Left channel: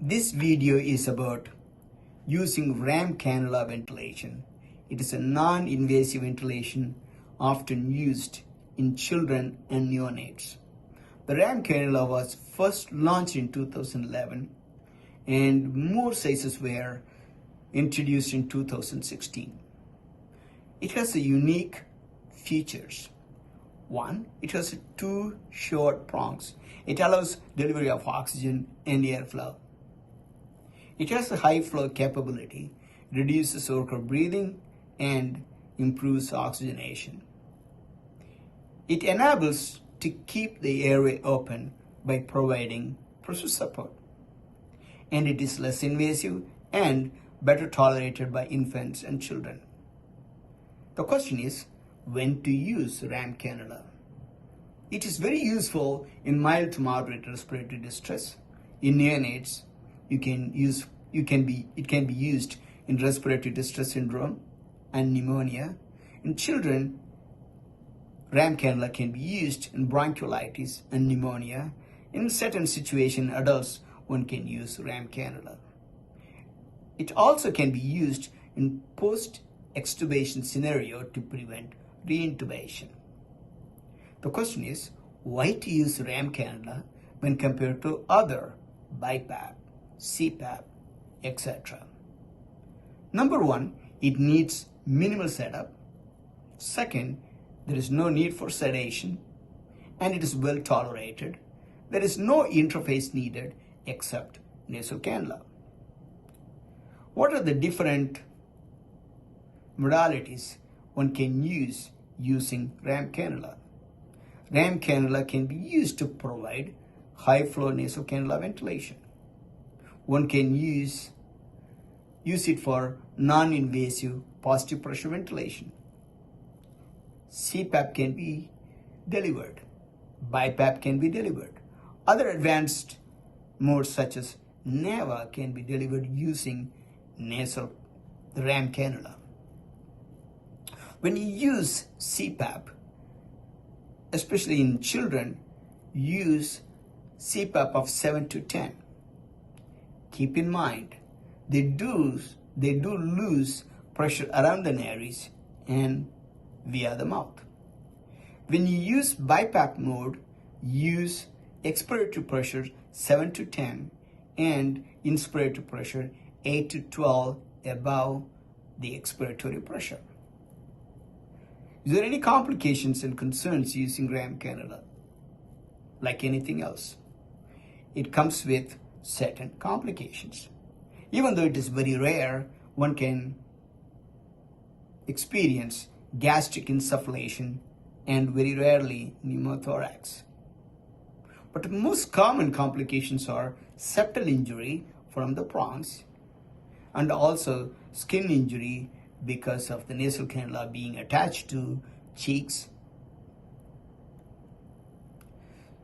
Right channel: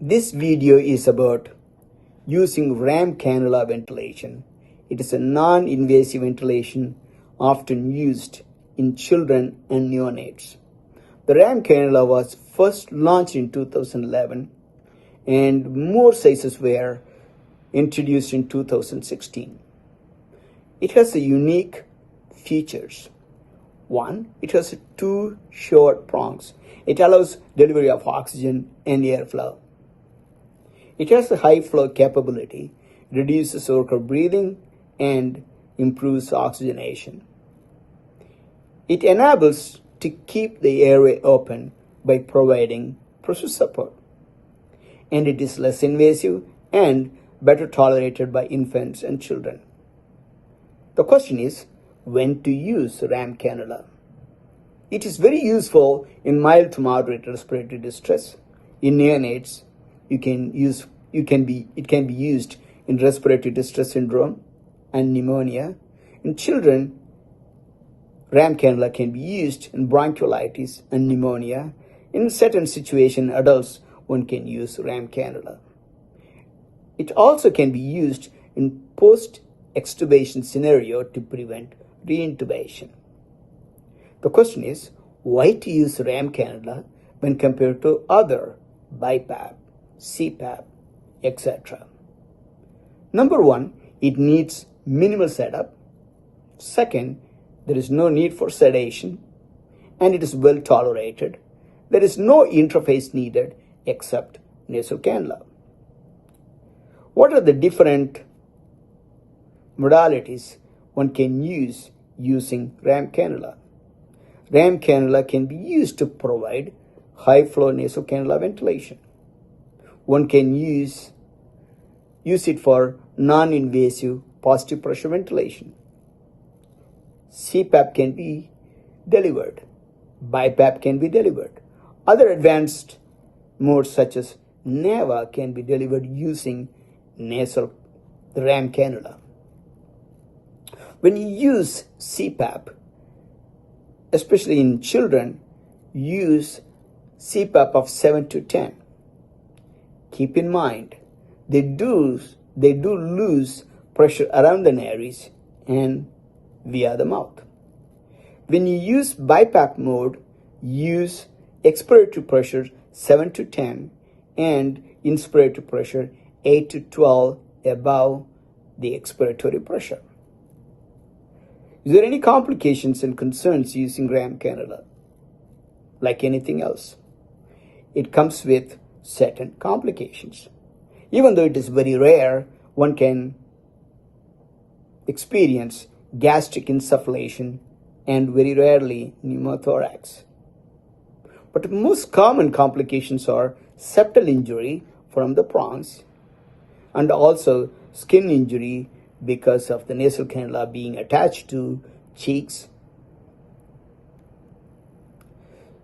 This video is about using RAM cannula ventilation. It is a non-invasive ventilation often used in children and neonates. The RAM cannula was first launched in 2011 and more sizes were introduced in 2016. It has a unique features. One, it has two short prongs. It allows delivery of oxygen and airflow. It has a high flow capability, reduces worker breathing, and improves oxygenation. It enables to keep the airway open by providing pressure support. And it is less invasive and better tolerated by infants and children. The question is, when to use RAM cannula? It is very useful in mild to moderate respiratory distress. In neonates, it can be used in respiratory distress syndrome and pneumonia. In children, RAM cannula can be used in bronchiolitis and pneumonia. In certain situations, adults, one can use RAM cannula. It also can be used in post-extubation scenario to prevent reintubation. The question is, why to use RAM cannula when compared to other BiPAP, CPAP, etc. Number one, it needs minimal setup. Second, there is no need for sedation, and it is well tolerated. There is no interface needed except nasal cannula. What are the different modalities one can use using RAM cannula? RAM cannula can be used to provide high flow nasal cannula ventilation. One can use it for non-invasive positive pressure ventilation. CPAP can be delivered. BiPAP can be delivered. Other advanced modes such as NAVA can be delivered using nasal RAM cannula. When you use CPAP, especially in children, use CPAP of 7 to 10. Keep in mind, they do lose pressure around the nares and via the mouth. When you use BiPAP mode, use expiratory pressure 7 to 10 and inspiratory pressure 8 to 12 above the expiratory pressure. Is there any complications and concerns using RAM cannula? Like anything else, it comes with certain complications. Even though it is very rare, one can experience gastric insufflation and very rarely pneumothorax. But the most common complications are septal injury from the prongs and also skin injury because of the nasal cannula being attached to cheeks.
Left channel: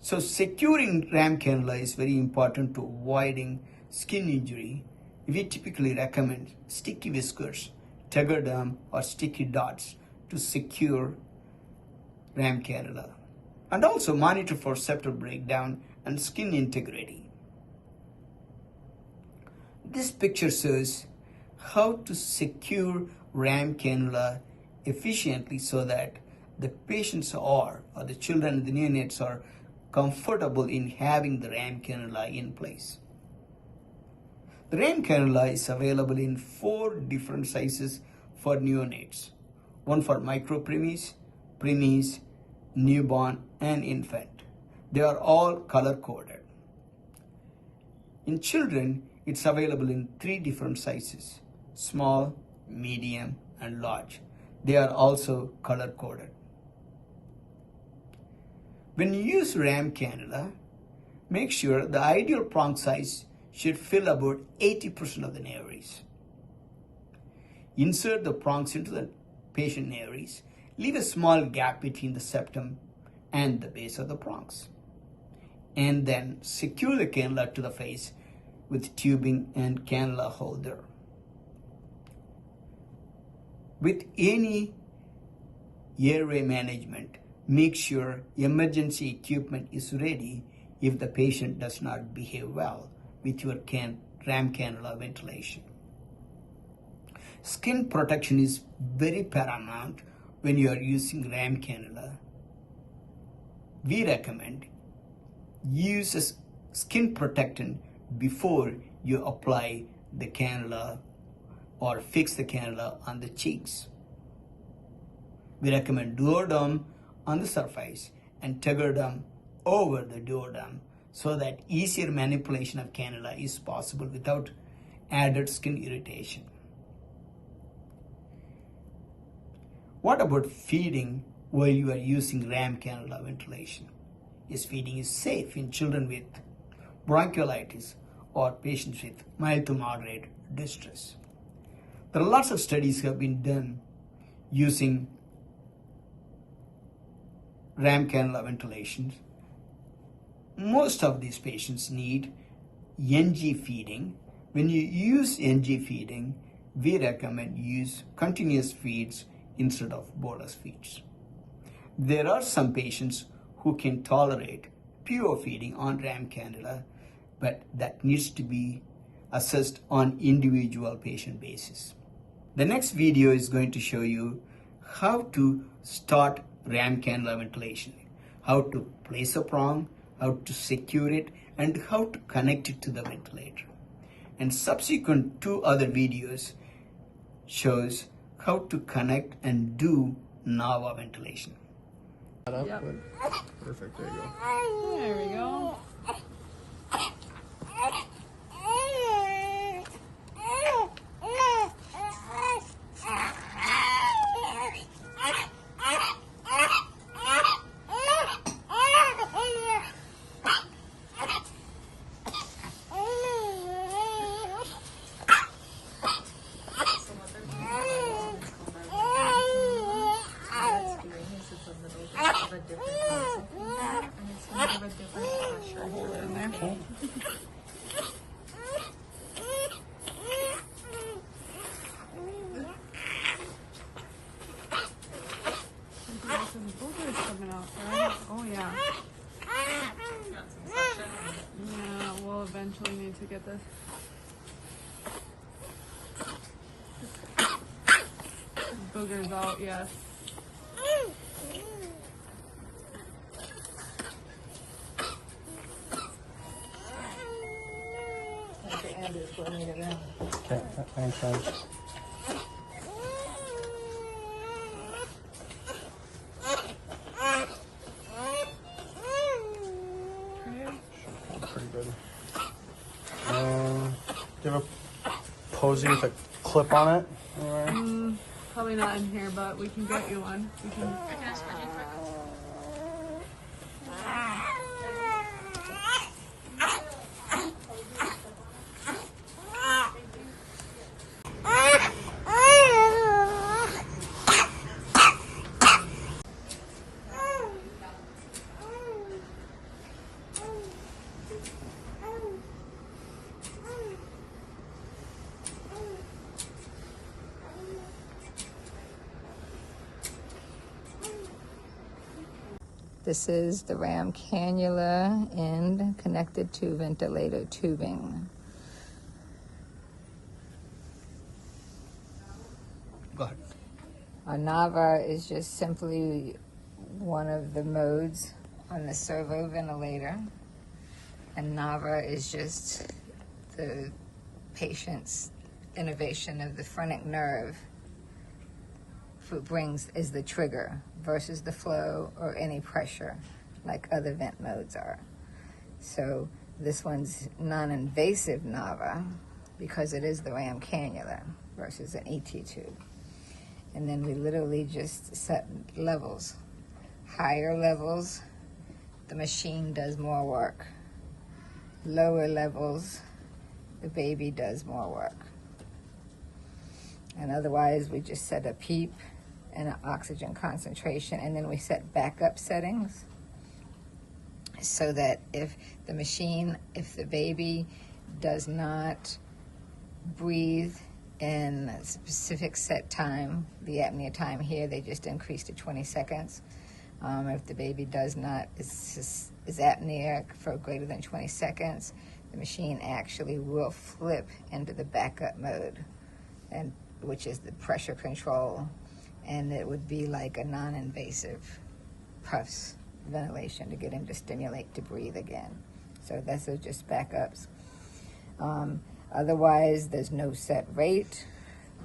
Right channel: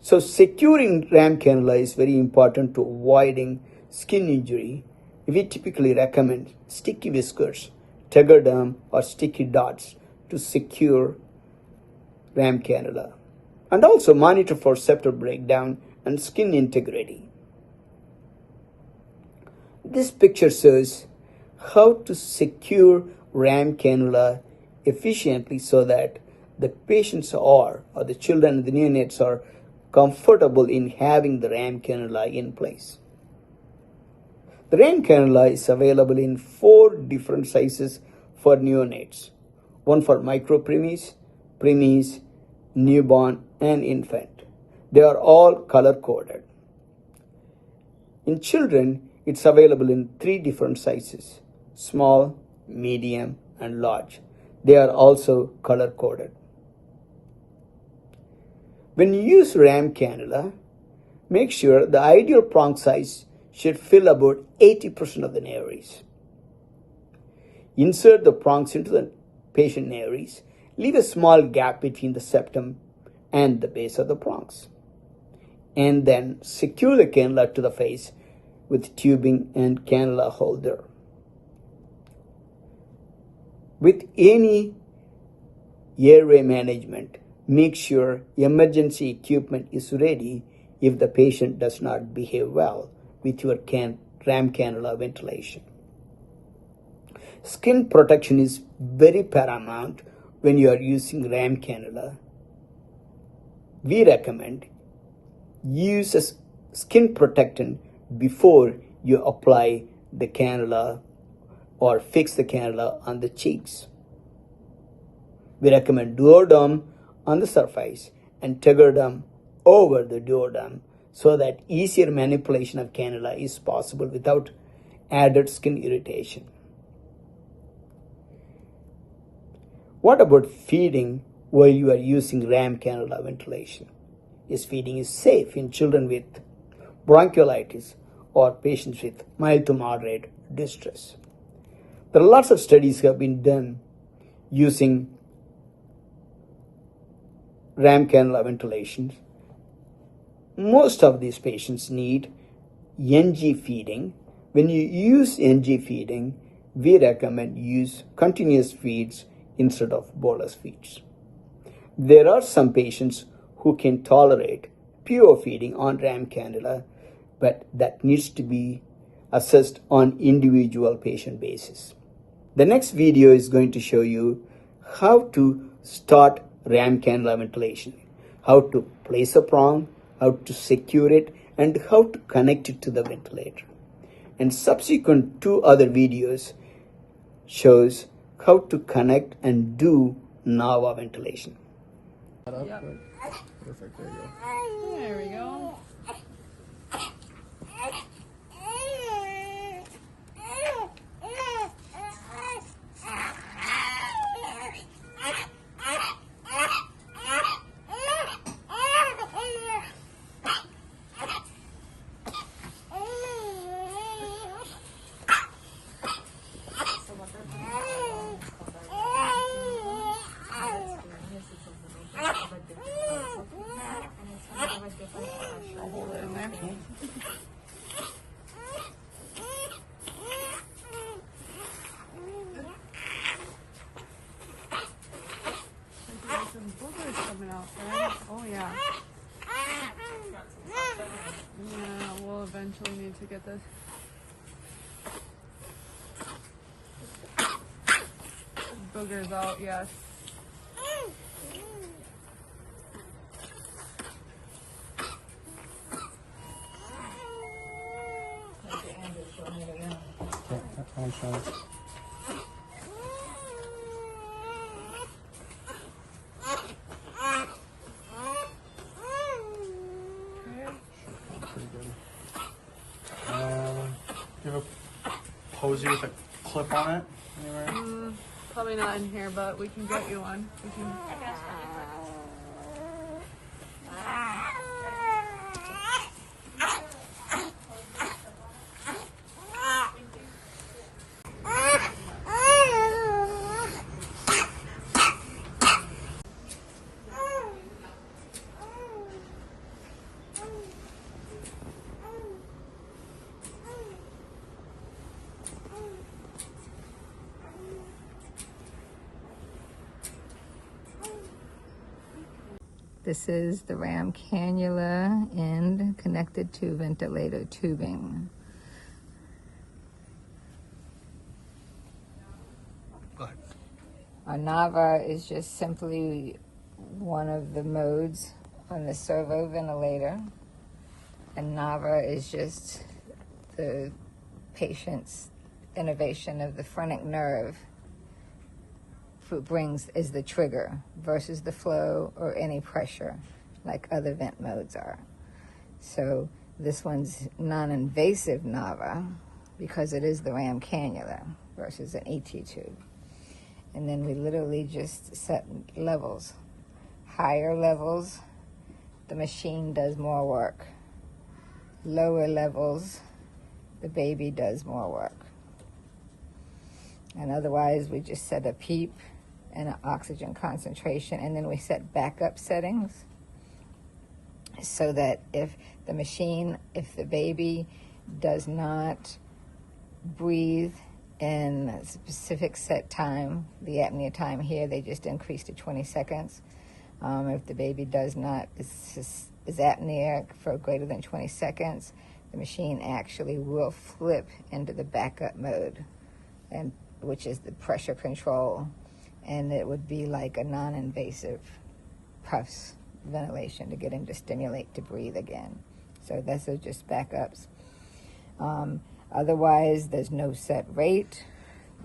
So securing RAM cannula is very important to avoiding skin injury. We typically recommend sticky whiskers, tegaderm, or sticky dots to secure RAM cannula. And also monitor for septal breakdown and skin integrity. This picture shows how to secure RAM cannula efficiently so that the patients or the children and the neonates are comfortable in having the RAM cannula in place. The RAM cannula is available in 4 different sizes for neonates. One for micropreemies, preemies, newborn, and infant. They are all color-coded. In children, it's available in 3 different sizes: small, medium, and large. They are also color-coded. When you use RAM cannula, make sure the ideal prong size should fill about 80% of the nares. Insert the prongs into the patient nares. Leave a small gap between the septum and the base of the prongs. And then secure the cannula to the face with tubing and cannula holder. With any airway management, make sure emergency equipment is ready if the patient does not behave well with your ram cannula ventilation. Skin protection is very paramount when you are using ram cannula. We recommend use a skin protectant before you apply the cannula or fix the cannula on the cheeks. We recommend duoderm on the surface and tegaderm over the duoderm so that easier manipulation of cannula is possible without added skin irritation. What about feeding while you are using ram cannula ventilation? Yes, feeding is safe in children with bronchiolitis or patients with mild to moderate distress. There are lots of studies have been done using ram cannula ventilation. Most of these patients need NG feeding. When you use NG feeding, we recommend use continuous feeds instead of bolus feeds. There are some patients who can tolerate pure feeding on ram cannula, but that needs to be assessed on individual patient basis. The next video is going to show you how to start ram cannula ventilation, how to place a prong, how to secure it, and how to connect it to the ventilator. And subsequent 2 other videos shows how to connect and do NAVA ventilation. Yep. Perfect, there you go. There we go. I'll hold it in there. There's some boogers coming out, right? Oh yeah. Yeah, we'll eventually need to get this. Boogers out, yes. Okay, thanks, guys. Pretty good. And do you have a posy with a clip on it? Alright. Probably not in here, but we can get you one. We can. This is the ram cannula end connected to ventilator tubing. Go ahead. A NAVA is just simply one of the modes on the servo ventilator. And NAVA is just the patient's innervation of the phrenic nerve is the trigger versus the flow or any pressure like other vent modes are. So this one's non-invasive NAVA because it is the ram cannula versus an ET tube. And then we literally just set levels. Higher levels, the machine does more work. Lower levels, the baby does more work. And otherwise we just set a PEEP and an oxygen concentration, and then we set backup settings so that if the baby does not breathe in a specific set time, the apnea time here, they just increase to 20 seconds. If the baby is apneic for greater than 20 seconds, the machine actually will flip into the backup mode, and which is the pressure control, and it would be like a non-invasive puffs ventilation to get him to stimulate to breathe again. So those are just backups. Otherwise, there's no set rate.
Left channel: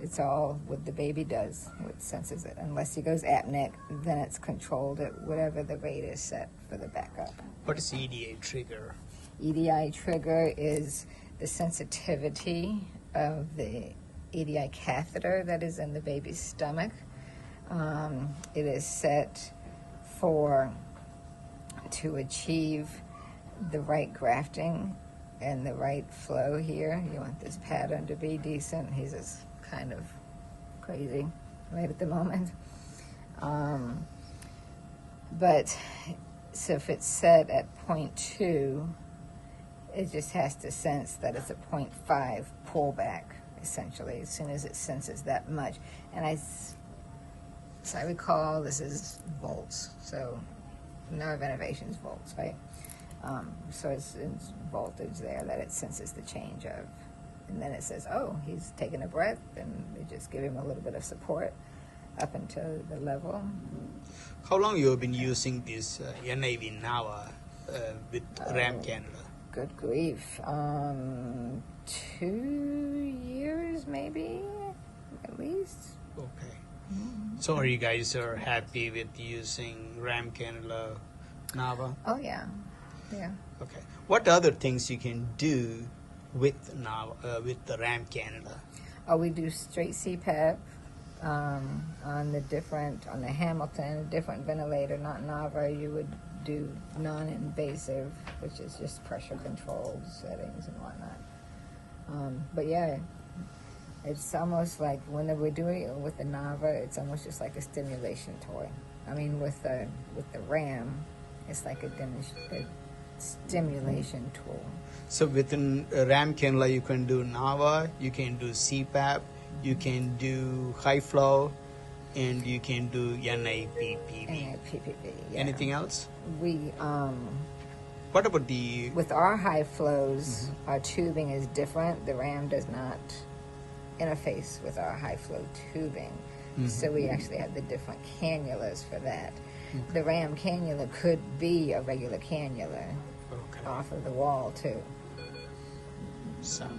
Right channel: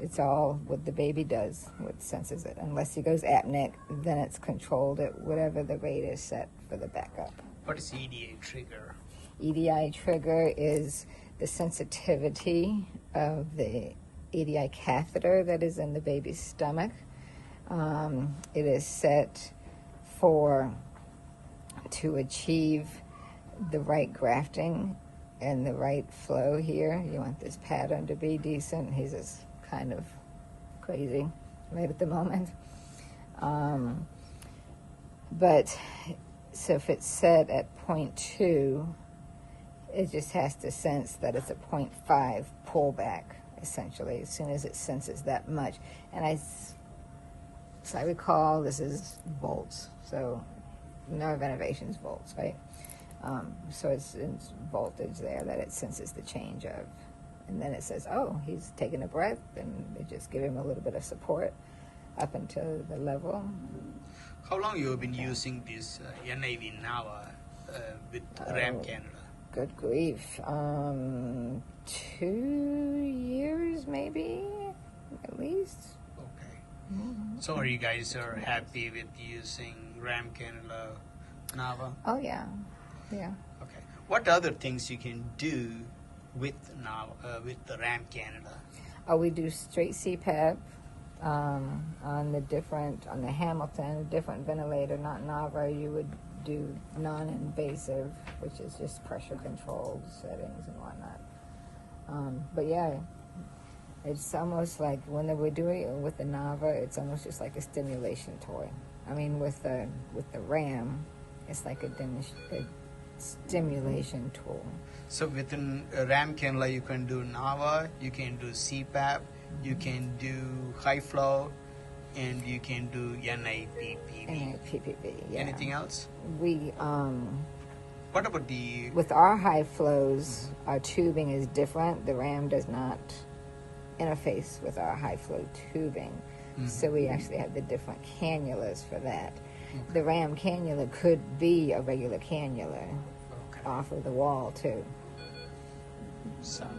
It's all what the baby does, what senses it. Unless he goes apneic, then it's controlled at whatever the rate is set for the backup. What is EDI trigger? EDI trigger is the sensitivity of the EDI catheter that is in the baby's stomach. It is set to achieve the right grafting and the right flow here. You want this pattern to be decent. He's just kind of crazy right at the moment. But so if it's set at 0.2, it just has to sense that it's a 0.5 pullback, essentially, as soon as it senses that much. And as I recall, this is volts, so nerve innervation's volts, right? So it's voltage there that it senses the change of. And then it says, oh, he's taking a breath, and it just give him a little bit of support up until the level. How long you have been using this NAVA with RAM cannula? Good grief. 2 years, maybe, at least. Okay. So are you guys happy with using RAM cannula, NAVA? Oh, yeah. Yeah. Okay. What other things you can do with NAVA, with the RAM cannula? Oh, we do straight CPAP on the Hamilton, different ventilator, not NAVA. You would do non-invasive, which is just pressure controlled settings and whatnot. But yeah, it's almost like when we're doing it with the NAVA, it's almost just like a stimulation toy. I mean, with the RAM, it's like a stimulation tool. So within RAM cannula, you can do NAVA, you can do CPAP, you can do high flow, and you can do NIPPV. NIPPV, yeah. Anything else? We What about the... with our high flows, our tubing is different. The RAM does not interface with our high flow tubing. So we actually have the different cannulas for that. The RAM cannula could be a regular cannula off of the wall too. Sounds